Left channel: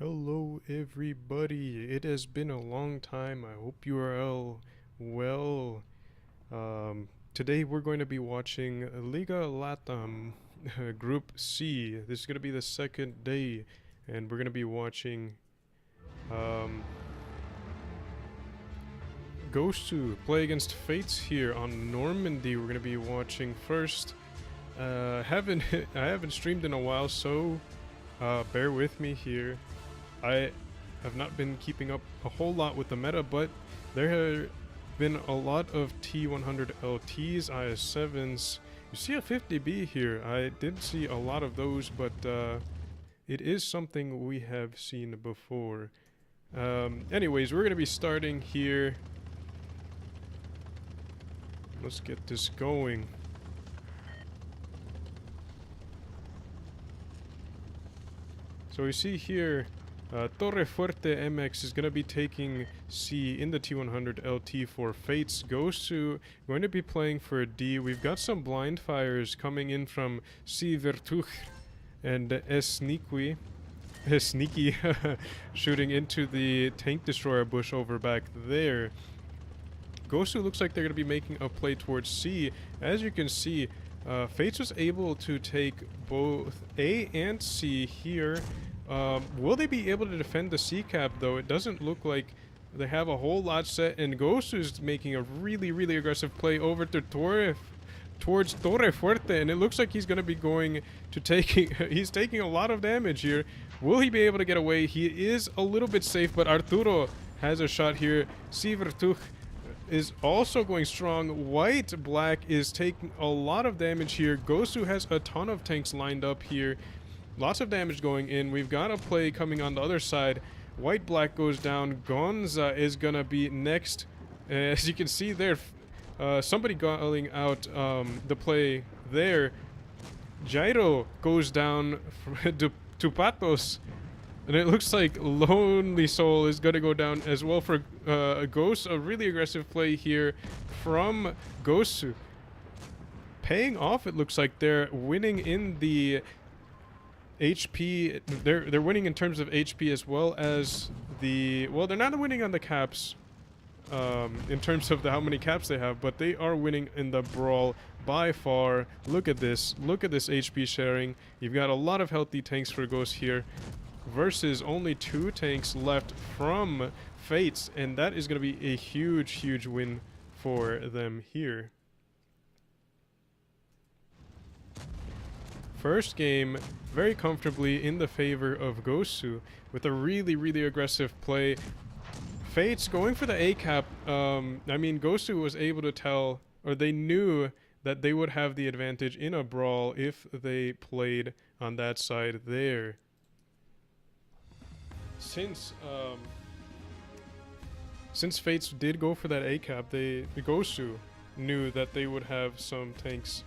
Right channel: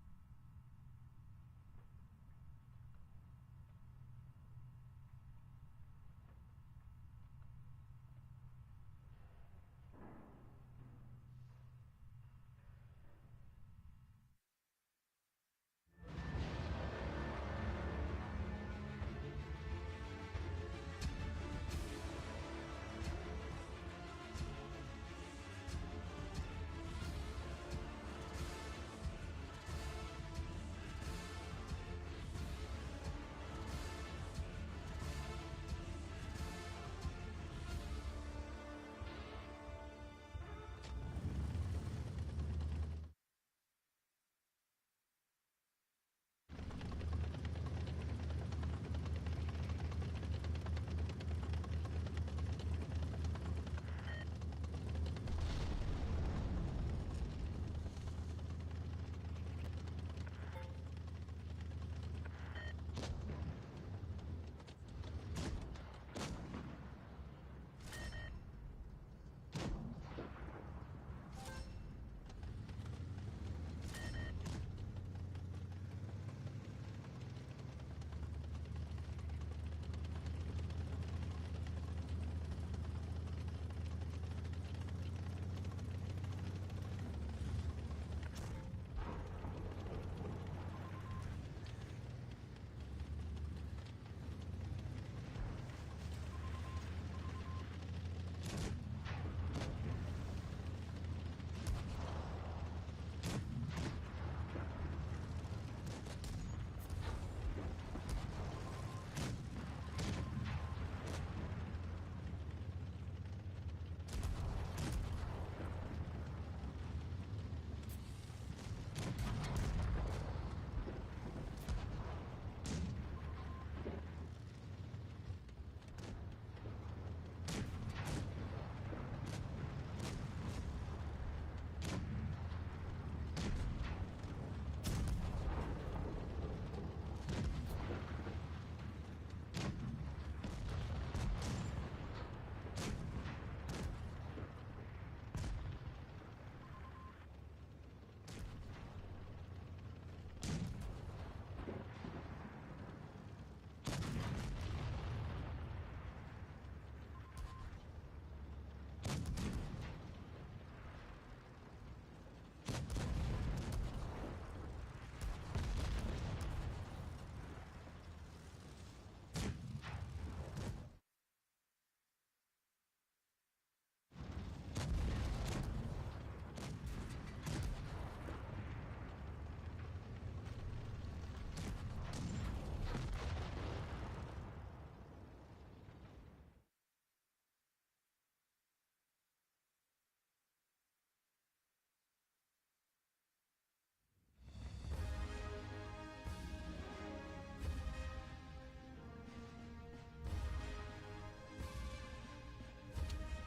Hello everybody, it has been a long time. I hope you are all well. Today we're going to be watching Liga LATAM Group C. This is going to be the second day, and we're going to be watching um, Gosu play against Fates here on Normandy. We're going to be watching first. Haven't I haven't streamed in a while, so bear with me here. I have not been keeping up a whole lot with the meta, but there have been a lot of T100 LTs, IS7s. You see a 50B here. I did see a lot of those, but it is something we have seen before. Anyways, we're going to be starting here. Let's get this going. So we see here Torre Fuerte MX is going to be taking C in the T100 LT for Fates. Gosu going to be playing for D. We've got some blind fires coming in from C Vertuch and Sneaky shooting into the tank destroyer bush over back there. Gosu looks like they're going to be making a play towards C. As you can see, Fates was able to take both A and C here. Will they be able to defend the C cap though? It doesn't look like they have a whole lot set, and Gosu's making a really aggressive play over to towards Torre Fuerte, and it looks like he's going to be going to he's taking a lot of damage here. Will he be able to get away? He is a little bit safe, but Arturo has a shot here. Sivertuch is also going strong. White Black is taking a lot of damage here. Gosu has a ton of tanks lined up here. Lots of damage going in. We've got a play coming on the other side. White Black goes down. Gonza is gonna be next. As you can see there, somebody calling out the play there. Jairo goes down to Patos. And it looks like Lonely Soul is going to go down as well for Ghost. A really aggressive play here from Gosu. Paying off, it looks like they're winning in the HP. They're winning in terms of HP as well as the... Well, they're not winning on the caps in terms of how many caps they have, but they are winning in the brawl by far. Look at this. Look at this HP sharing. You've got a lot of healthy tanks for Ghost here versus only 2 tanks left from Fates, and that is going to be a huge win for them here. First game very comfortably in the favor of Gosu with a really aggressive play. Fates going for the A cap. I mean, Gosu was able to tell, or they knew that they would have the advantage in a brawl if they played on that side there. Since Fates did go for that A cap, the Gosu knew that they would have some tanks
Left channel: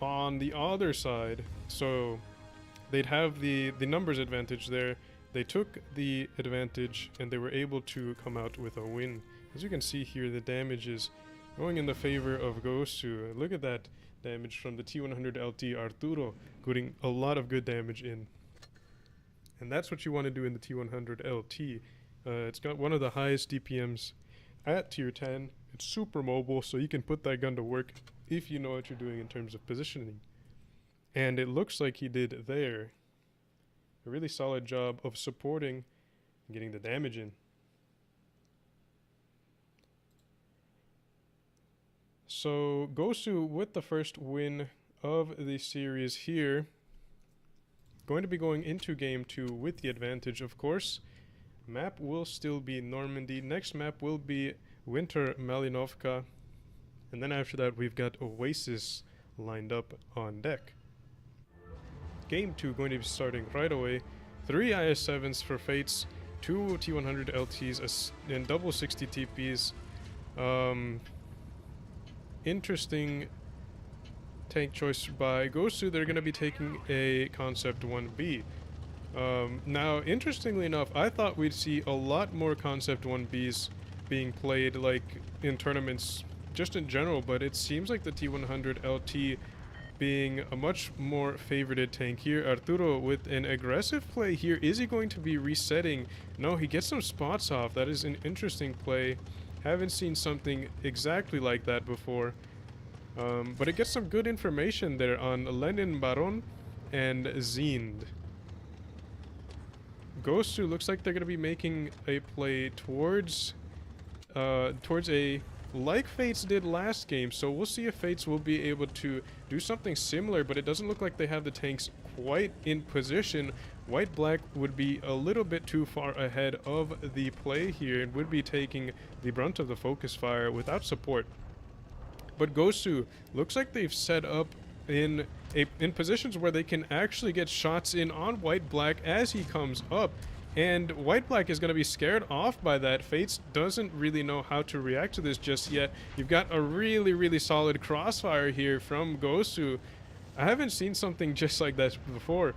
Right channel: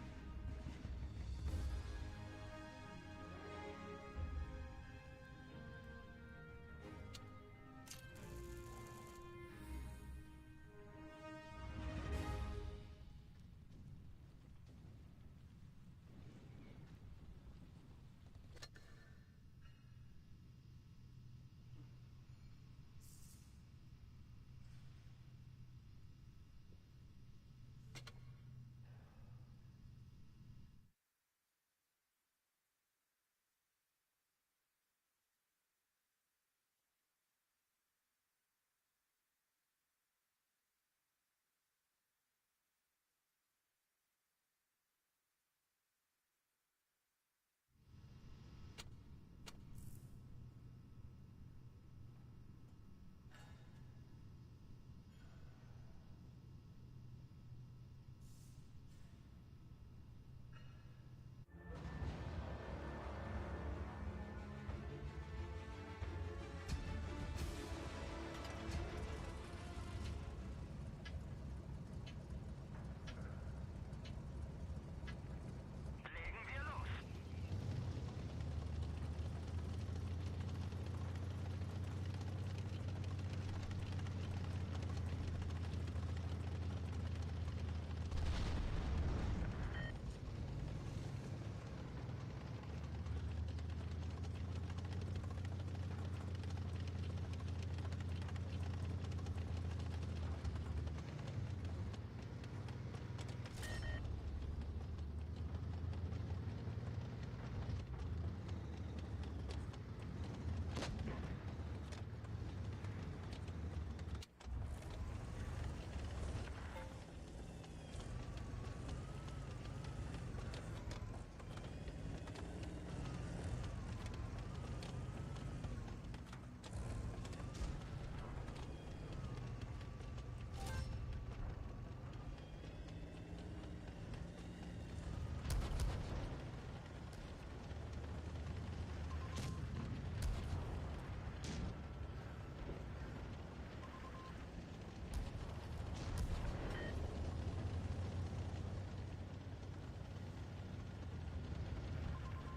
on the other side, so they'd have the numbers advantage there. They took the advantage and they were able to come out with a win. As you can see here, the damage is going in the favor of Gosu. Look at that damage from the T100 LT Arturo, putting a lot of good damage in. And that's what you want to do in the T100 LT. It's got one of the highest DPMs at tier 10. It's super mobile, so you can put that gun to work if you know what you're doing in terms of positioning. And it looks like he did there. A really solid job of supporting and getting the damage in. So Gosu with the first win of the series here. Going to be going into game 2 with the advantage, of course. Map will still be Normandy. Next map will be Winter Malinovka. And then after that we've got Oasis lined up on deck. Game 2 going to be starting right away. 3 IS-7s for Fates, 2 T100 LTs and double 60 TPs. Interesting tank choice by Gosu. They're going to be taking a Concept 1B. Now, interestingly enough, I thought we'd see a lot more Concept 1Bs being played, like in tournaments just in general, but it seems like the T100 LT being a much more favorited tank here. Arturo with an aggressive play here. Is he going to be resetting? No, he gets some spots off. That is an interesting play. Haven't seen something exactly like that before. But it gets some good information there on Lenin, Baron, and Zind. Gosu looks like they're going to be making a play towards a, like Fates did last game, so we'll see if Fates will be able to do something similar, but it doesn't look like they have the tanks quite in position. White-Black would be a little bit too far ahead of the play here and would be taking the brunt of the focus fire without support. But Gosu looks like they've set up in positions where they can actually get shots in on White-Black as he comes up. And White-Black is going to be scared off by that. Fates doesn't really know how to react to this just yet. You've got a really, really solid crossfire here from Gosu. I haven't seen something just like that before.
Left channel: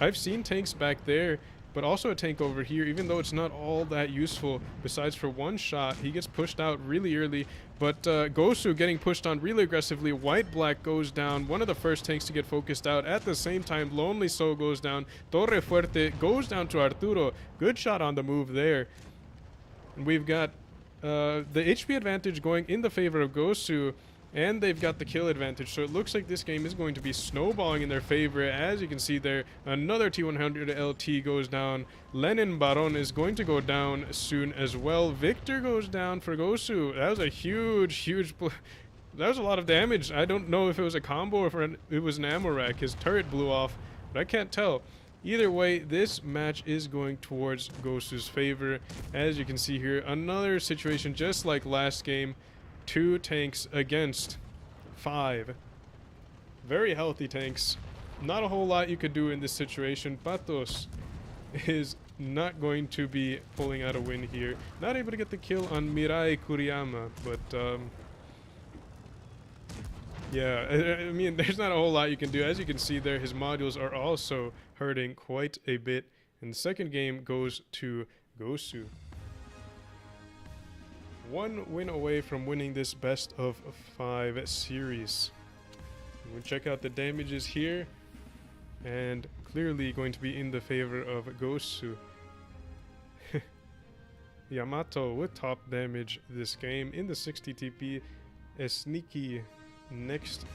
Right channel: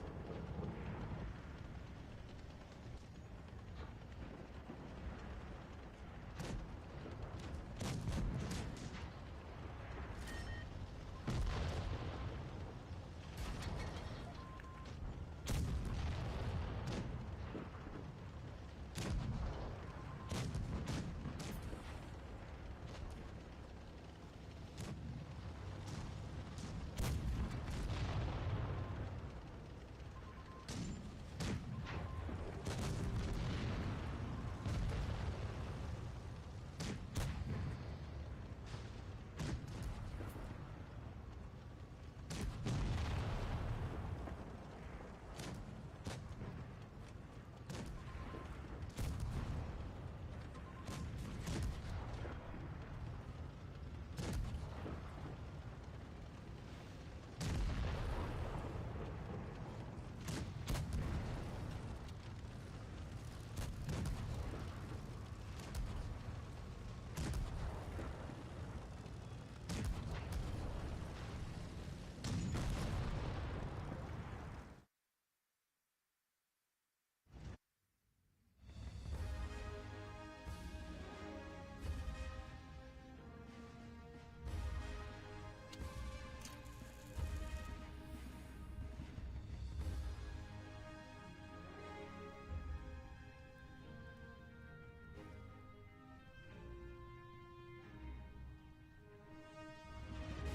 I've seen tanks back there, but also a tank over here, even though it's not all that useful. Besides for one shot, he gets pushed out really early. But Gosu getting pushed on really aggressively. White-Black goes down. One of the first tanks to get focused out. At the same time, Lonely Soul goes down. Torre Fuerte goes down to Arturo. Good shot on the move there. We've got the HP advantage going in the favor of Gosu. And they've got the kill advantage, so it looks like this game is going to be snowballing in their favor. As you can see there, another T100 LT goes down. Lenin Baron is going to go down soon as well. Victor goes down for Gosu. That was a huge that was a lot of damage. I don't know if it was a combo or if it was an ammo rack. His turret blew off, but I can't tell. Either way, this match is going towards Gosu's favor. As you can see here, another situation just like last game. 2 tanks against 5. Very healthy tanks. Not a whole lot you could do in this situation. Patos is not going to be pulling out a win here. Not able to get the kill on Mirai Kuriyama, but yeah, I mean, there's not a whole lot you can do. As you can see there, his modules are also hurting quite a bit. And the second game goes to Gosu. 1 win away from winning this best of 5 series. We'll check out the damages here, and clearly going to be in the favor of Gosu. Yamato with top damage this game in the 60 TP. Sneaky next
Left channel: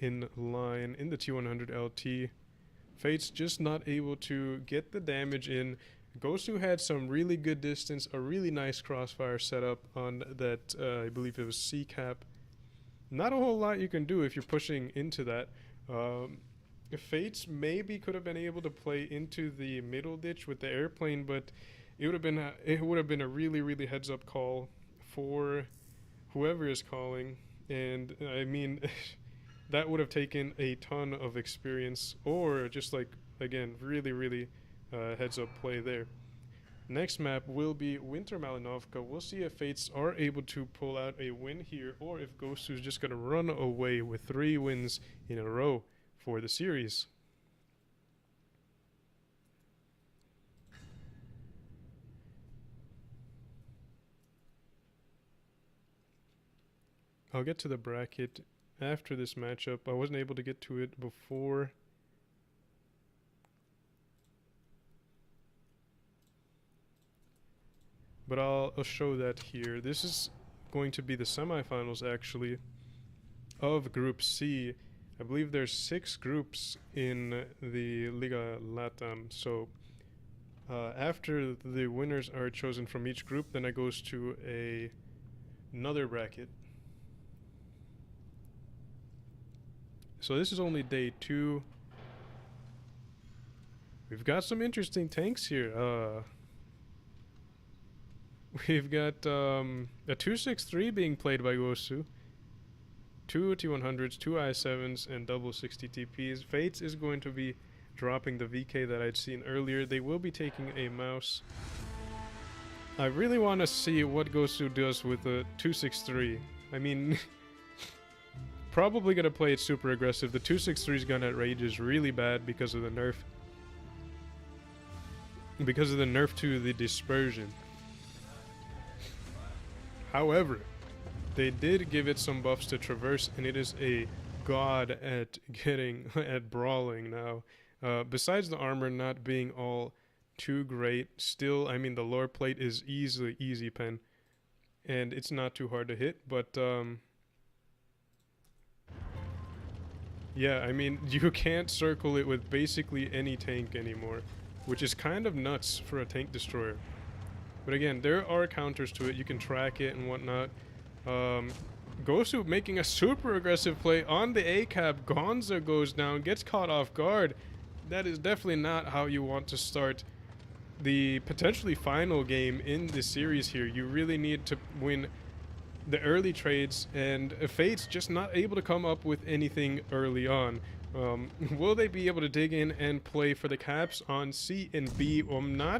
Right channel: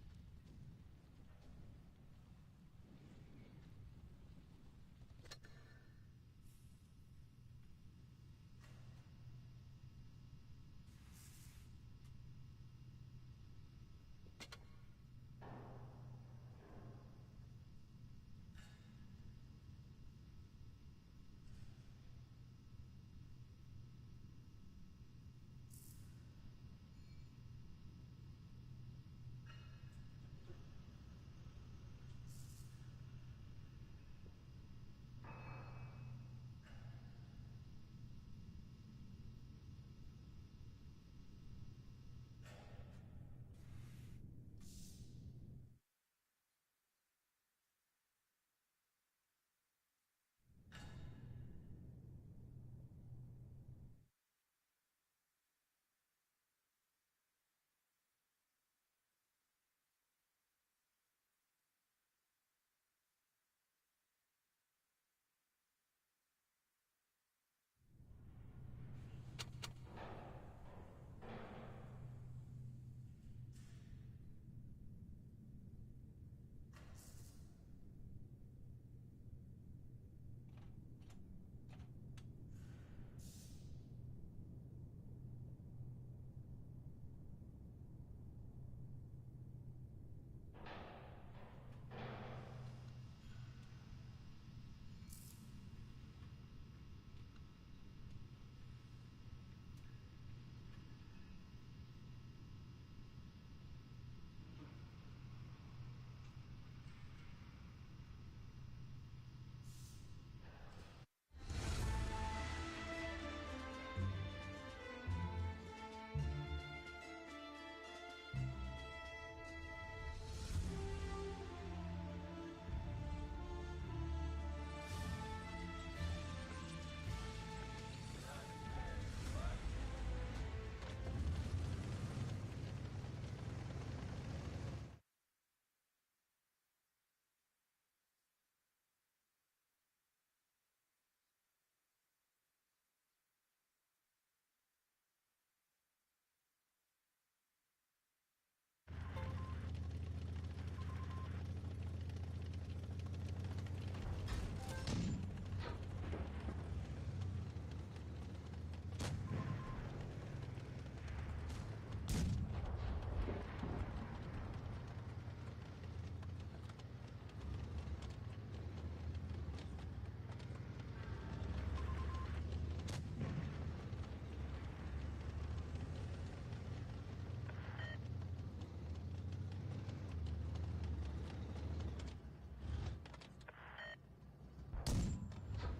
in line in the T100 LT. Fate's just not able to get the damage in. Gosu had some really good distance, a really nice crossfire setup on that, I believe it was C-cap. Not a whole lot you can do if you're pushing into that. Fates maybe could have been able to play into the middle ditch with the airplane, but it would have been a really, really heads-up call for whoever is calling. And I mean, that would have taken a ton of experience, or just like, again, really, really heads up play there. Next map will be Winter Malinovka. We'll see if Fates are able to pull out a win here, or if Gosu is just going to run away with 3 wins in a row for the series. I'll get to the bracket after this matchup. I wasn't able to get to it before. But I'll show that here. This is going to be the semifinals, actually, of Group C. I believe there's 6 groups in the Liga LATAM. So after the winners are chosen from each group, then it goes to another bracket. So this is only day 2. We've got some interesting tanks here. We've got a 263 being played by Gosu, 2 T100s, 2 I7s, and double 60 TPs. Fates is going to be dropping the VK that I'd seen earlier. They will be taking a mouse. I really want to see what Gosu does with the 263. I mean, probably going to play it super aggressive. The 263's gun at rage is really bad because of the nerf. Because of the nerf to the dispersion. However, they did give it some buffs to traverse, and it is a god at at brawling now. Besides the armor not being all too great, still, I mean, the lore plate is easily easy pen, and it's not too hard to hit, but yeah, I mean, you can't circle it with basically any tank anymore, which is kind of nuts for a tank destroyer. But again, there are counters to it. You can track it and whatnot. Gosu making a super aggressive play on the A-cap. Gonza goes down, gets caught off guard. That is definitely not how you want to start the potentially final game in this series here. You really need to win the early trades, and Fate's just not able to come up with anything early on. Will they be able to dig in and play for the caps on C and B? Well, I'm not